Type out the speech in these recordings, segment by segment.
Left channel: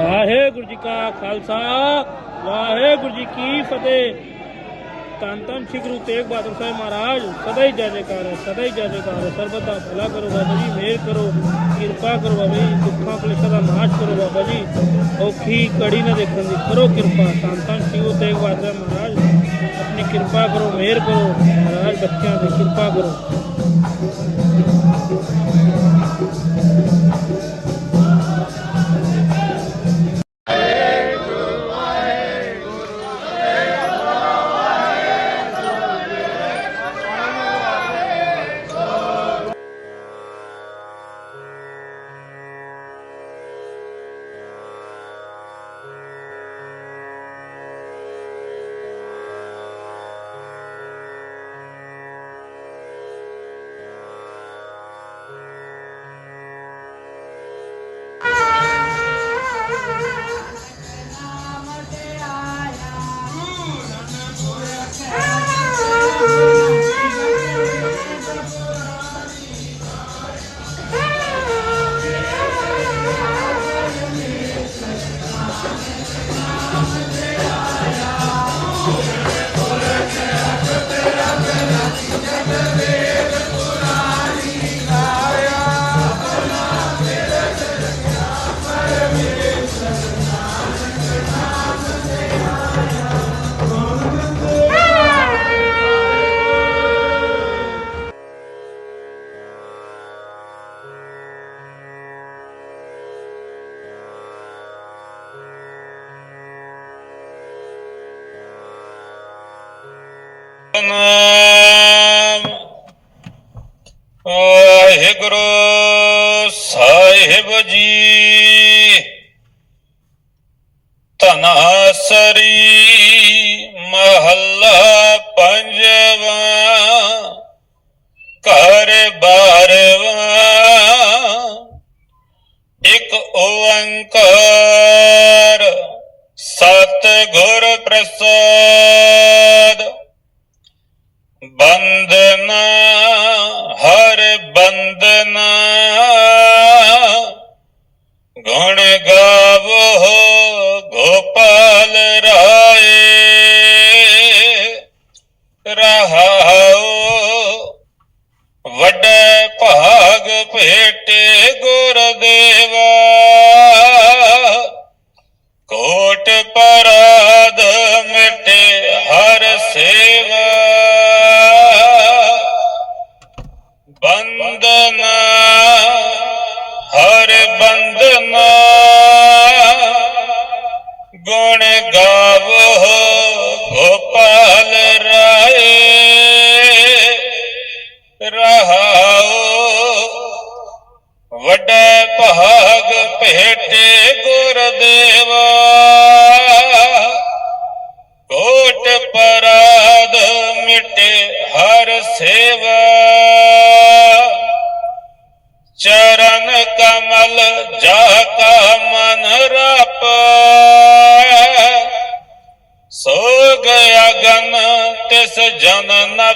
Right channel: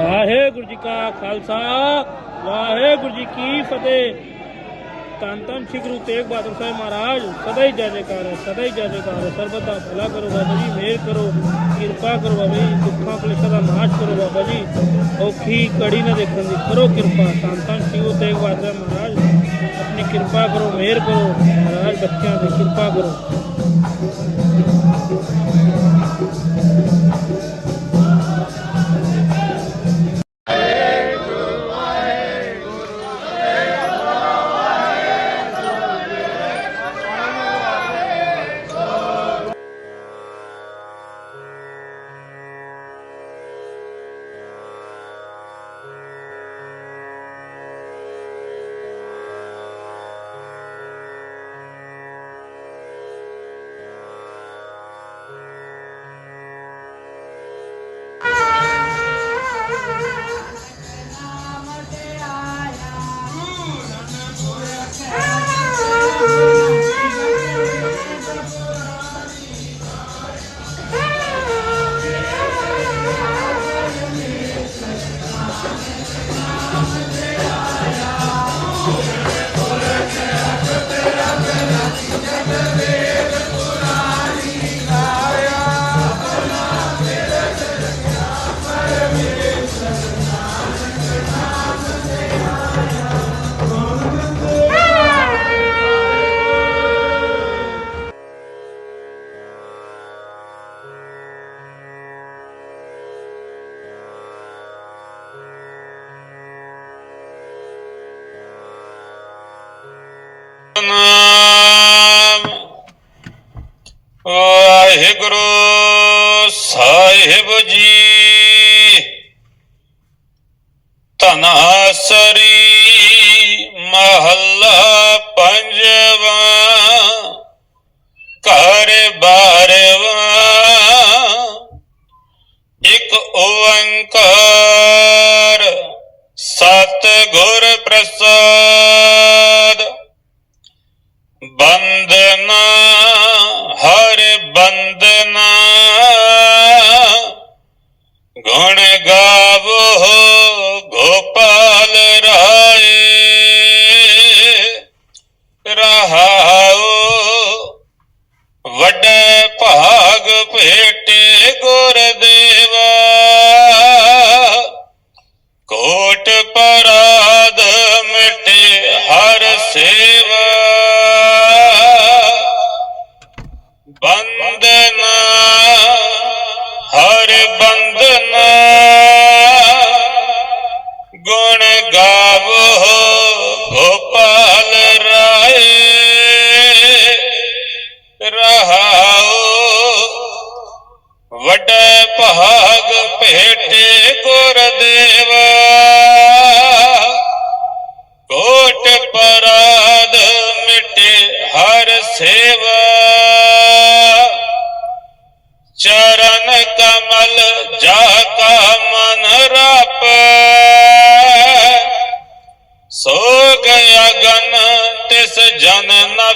ਵਾਹਿਗੁਰੂ ਜੀ ਕਾ ਖਾਲਸਾ, ਵਾਹਿਗੁਰੂ ਜੀ ਕੀ ਫਤਿਹ। ਤਨ ਤਨ ਸ੍ਰੀ ਗੁਰੂ ਤੇਗ ਬਹਾਦਰ ਸਾਹਿਬ ਮਹਾਰਾਜ, ਸਦਾ ਹੀ ਜੈ ਜੈਕਾਰ ਹੈ, ਸਦਾ ਹੀ ਜੈ ਜੈਕਾਰ ਹੈ। ਸਰਬਤ ਦਾ ਭਲਾ ਕਰੋ ਬਾਬਾ ਜੀ, ਮਿਹਰ ਕਰੋ, ਕਿਰਪਾ ਕਰੋ ਬਾਬਾ ਜੀ, ਦੁੱਖਾਂ ਕਲੇਸ਼ਾਂ ਦਾ ਨਾਸ਼ ਕਰੋ ਬਾਬਾ ਜੀ। ਔਖੀ ਕੜੀ ਨਾ ਦੇਖਣ ਦੀ, ਕਰੋ ਕਿਰਪਾ। ਤਨ ਤਨ ਸ੍ਰੀ ਗੁਰੂ ਤੇਗ ਬਹਾਦਰ ਮਹਾਰਾਜ, ਆਪਣੀ ਕਿਰਪਾ ਕਰੋ, ਮਿਹਰ ਕਰੋ। ਮਹਾਰਾਜ ਬੱਚਿਆਂ ਦੀ ਕਿਰਪਾ ਕਰੋ। ਨਾਮ। ਵਾਹਿਗੁਰੂ ਸਾਹਿਬ ਜੀ। ਤਨਾਸਰੀ ਮਹੱਲਾ ਪੰਜਵਾ। ਘਰ ਬਾਰਵਾ। ਇੱਕ ਓੰਕਾਰ। ਸਤ ਗੁਰ ਪ੍ਰਸਾਦ। ਬੰਦਨਾ ਹਰ ਬੰਦਨਾ ਗੁਣ ਗਾਵੋ ਗੋਪਾਲ ਰਾਏ। ਰਹਾਓ ਵੱਡੇ ਭਾਗ ਭੇਟੇ ਗੁਰਦੇਵਾ ਬੰਦਨਾ ਹਰ ਬੰਦਨਾ ਗੁਣ ਗਾਵੋ, ਗੋਪਾਲ ਰਾਏ। ਰਹਾਓ, ਵੱਡੇ ਭਾਗ ਭੇਟੇ ਗੁਰਦੇਵਾ। ਕੋਟ ਪਰਾਦ ਮਿਟੇ ਹਰ ਸੇਵਾ। ਚਰਨ ਕਮਲ ਜਾ ਕਾ ਮਨ ਰਪ। ਸੋਗ ਅਗਨ ਤਿਸ ਜਨ ਨ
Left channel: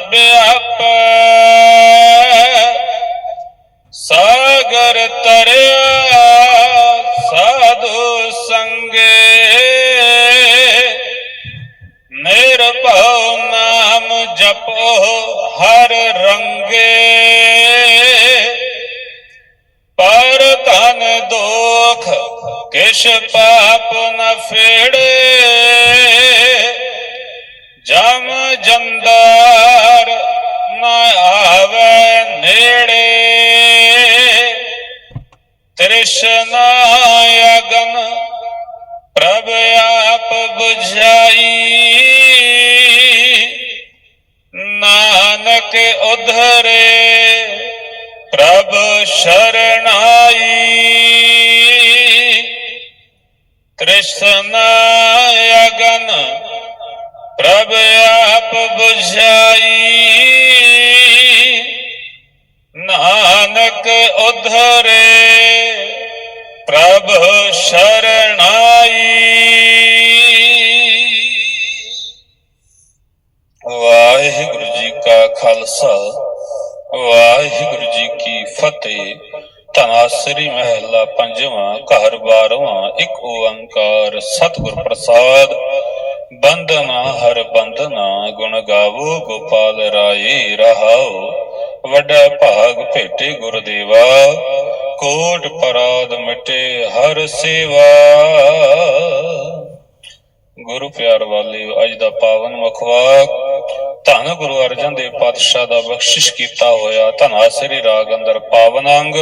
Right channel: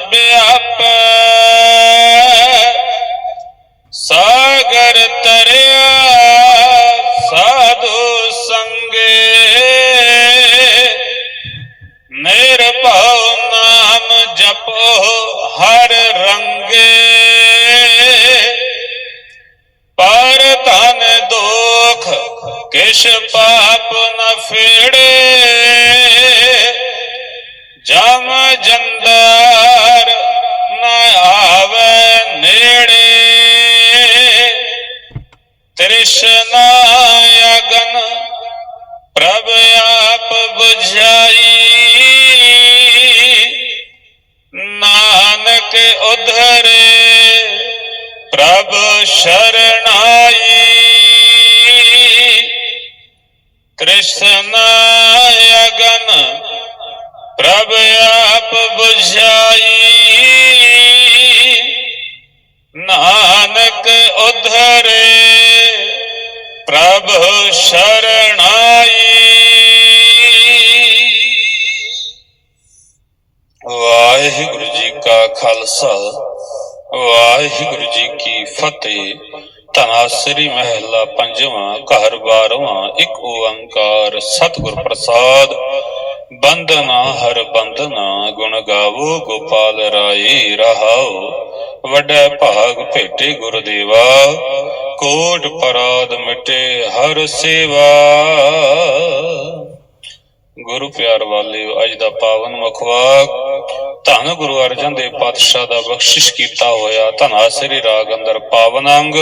ਅਪ। ਸਾਗਰ ਤਰਿਆ ਸਾਧੂ ਸੰਗੇ। ਨਿਰਭਉ ਨਾਮ ਜਪੋ ਹਰ ਰੰਗੇ। ਕਿਛ ਪਾਪ ਨ ਫੇੜੇ। ਜਮ ਜੰਦਾਰ ਨ ਆਵੇ ਨੇੜੇ। ਤ੍ਰਿਸ਼ਨਾ ਅਗਨ ਪ੍ਰਭ ਆਪ 부 ਤ੍ਰਿਸ਼ਨਾ ਅਗਨ, ਪ੍ਰਭ ਆਪ ਬੁਝਾਈ। ਨਾਨਕ ਉਧਰੇ, ਪ੍ਰਭ ਸ਼ਰਣਾਈ। ਵਾਹਿਗੁਰੂ ਜੀ ਕਾ ਖਾਲਸਾ, ਵਾਹਿਗੁਰੂ ਜੀ ਕੀ ਫਤਿਹ। ਧੰਨਾ ਮਹਿਲਾ ਪੰਜਵਾਂ, ਘਰ ਬਾਰਵਾਂ, ਇੱਕ ਓੰਕਾਰ, ਸਤਿਗੁਰ ਪ੍ਰਸਾਦ। ਬੰਦਨਾ ਹਰ ਬੰਦਨਾ ਗੁਣ ਗਾਵੋ, ਗੋਪਾਲ ਰਾਏ, ਰਹਾਓ। ਵੱਡਾ ਭਾਗ ਭੇਟੇ ਗੁਰਦੇਵਾ, ਕੋਟ ਪਰਾਦ ਮਿਟੇ ਹਰ ਸੇਵਾ। ਗੁਰੂ ਪਿਆਰ ਵਾਲਿਓ, ਅੱਜ ਦਾ ਪਾਵਨ ਮੁਖਵਾਕ ਧੰਨ ਗੁਰੂ ਅਰਜਨ ਦੇਵ ਪਾਤਸ਼ਾਹ ਦਾ ਬਖਸ਼ਿਸ਼ ਕੀਤਾ ਹੋਇਆ ਧਨਾਸਰੀ ਰਾਗ ਅੰਦਰ ਪਾਵਨ ਅੰਗ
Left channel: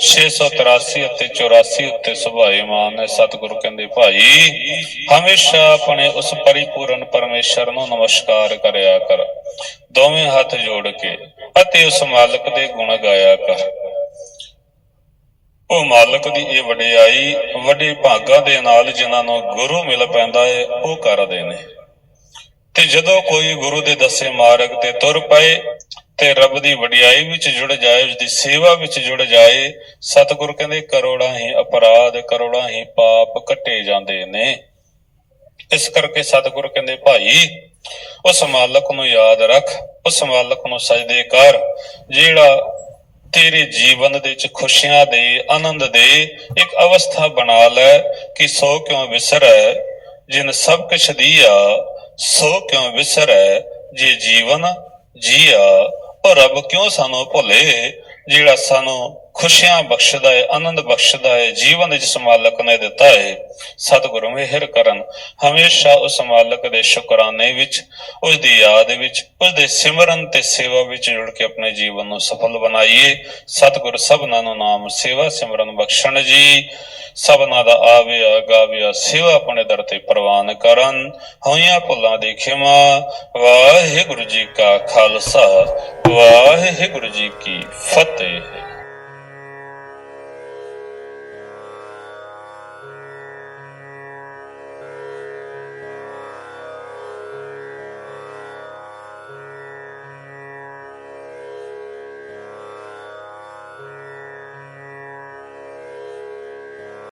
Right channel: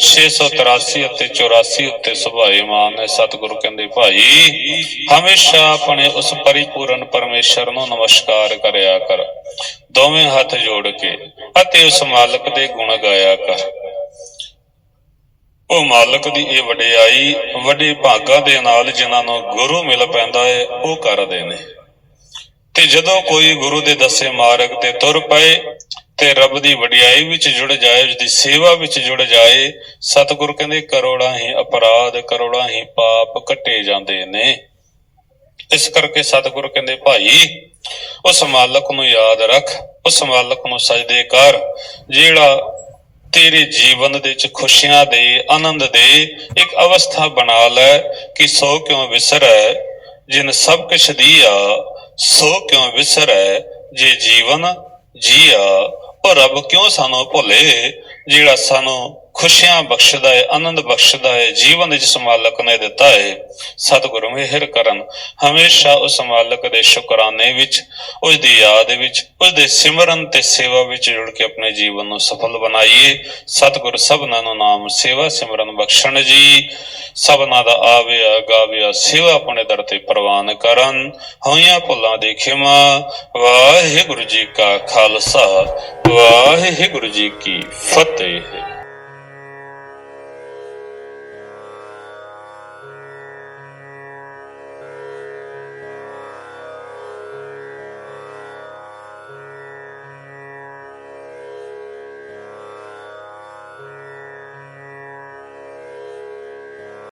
683 ਅਤੇ 84 ਉੱਤੇ ਸੁਭਾਏਮਾਨ ਹੈ ਸਤਿਗੁਰੂ ਕਹਿੰਦੇ, ਭਾਈ, ਹਮੇਸ਼ਾ ਆਪਣੇ ਉਸ ਪਰਿਪੂਰਨ ਪਰਮੇਸ਼ਰ ਨੂੰ ਨਮਸਕਾਰ ਕਰਿਆ ਕਰ। ਦੋਵੇਂ ਹੱਥ ਜੋੜ ਕੇ ਅਤੇ ਉਸ ਮਾਲਕ ਦੇ ਗੁਣ ਗਾਇਆ ਕਰ। ਉਹ ਮਾਲਕ ਦੀ ਇਹ ਵਡਿਆਈ, ਵੱਡੇ ਭਾਗਾਂ ਦੇ ਨਾਲ ਜਿਨ੍ਹਾਂ ਨੂੰ ਗੁਰੂ ਮਿਲ ਪੈਂਦਾ ਹੈ ਉਹ ਕਰਦੇ ਨੇ। ਤੇ ਜਦੋਂ ਕੋਈ ਗੁਰੂ ਦੇ ਦੱਸੇ ਮਾਰਗ ਤੇ ਤੁਰ ਪਏ ਤੇ ਰੱਬ ਦੀ ਵਡਿਆਈ ਵਿੱਚ ਜੁੜ ਜਾਏ ਉਸ ਦੀ ਸੇਵਾ ਵਿੱਚ ਜੁੜ ਜਾਏ, ਸਤਿਗੁਰ ਕਹਿੰਦੇ ਕਰੋੜਾਂ ਹੀ ਅਪਰਾਧ, ਕਰੋੜਾਂ ਹੀ ਪਾਪ ਕੱਟੇ ਜਾਂਦੇ ਨੇ। ਇਸ ਕਰਕੇ ਸਤਿਗੁਰ ਕਹਿੰਦੇ, ਭਾਈ, ਉਸ ਮਾਲਕ ਨੂੰ ਯਾਦ ਰੱਖ, ਉਸ ਮਾਲਕ ਨੂੰ ਸਜਦੇ ਕਰ, ਜਿਹੜਾ ਤੇਰੇ ਜੀਵਨ ਦੇ ਵਿੱਚ ਖੁਸ਼ੀਆਂ ਦੇ, ਆਨੰਦ ਦੇ ਇੱਕ ਅਵਸਥਾ ਬਣਾ ਲੈ ਕਿ ਸੋ ਕਿਉਂ ਵਿਸਰੈ, ਜਿਨ ਸਭ ਕੁਛ ਦੀਆ ਸੋ ਕਿਉਂ ਵਿਸਰੈ ਜੇ ਜੀਵਨ ਜੀਆ ਉਹ ਰੱਬ ਕਿਉਂ ਸਾਨੂੰ ਭੁੱਲੇ? ਜਿਹੜਾ ਸਾਨੂੰ ਖੁਸ਼ੀਆਂ ਬਖਸ਼ਦਾ ਹੈ ਆਨੰਦ ਬਖਸ਼ਦਾ ਹੈ ਜੀਵਨ ਜਿਸ ਮਾਲਕ ਨੇ ਦਿੱਤਾ ਹੈ ਸਤਿਗੁਰੂ ਮਿਹਰ ਕਰਨ। ਹਮੇਸ਼ਾ ਉਸ ਮਾਲਕ ਦੇ ਸ਼ੁਕਰਾਨੇ ਵਿੱਚ, ਉਸ ਦੀ ਯਾਦ ਵਿੱਚ, ਉਸ ਦੇ ਸਿਮਰਨ ਤੇ ਸੇਵਾ ਵਿੱਚ ਜੁੜ ਕੇ ਆਪਣੇ ਜੀਵਨ ਨੂੰ ਸਫਲ ਬਣਾਈਏ। ਸਤਿਗੁਰ ਸਭਨਾਂ ਨੂੰ ਨਾਮ ਸੇਵਾ, ਸਿਮਰਨ ਬਖਸ਼ਣ ਜੀ। ਸਭਨਾਂ ਦਾ ਆਵਿਆ, ਗਾਵਿਆ, ਸੇਵਾ ਆਪਣੇ ਦਰ ਤੇ ਪ੍ਰਵਾਨ ਕਰਨ। ਹੋਈਆਂ ਭੁੱਲਾਂ ਦੀ ਖਿਮਾ, ਵਾਹਿਗੁਰੂ ਜੀ ਕਾ ਖਾਲਸਾ, ਵਾਹਿਗੁਰੂ ਜੀ ਕੀ ਫਤਿਹ।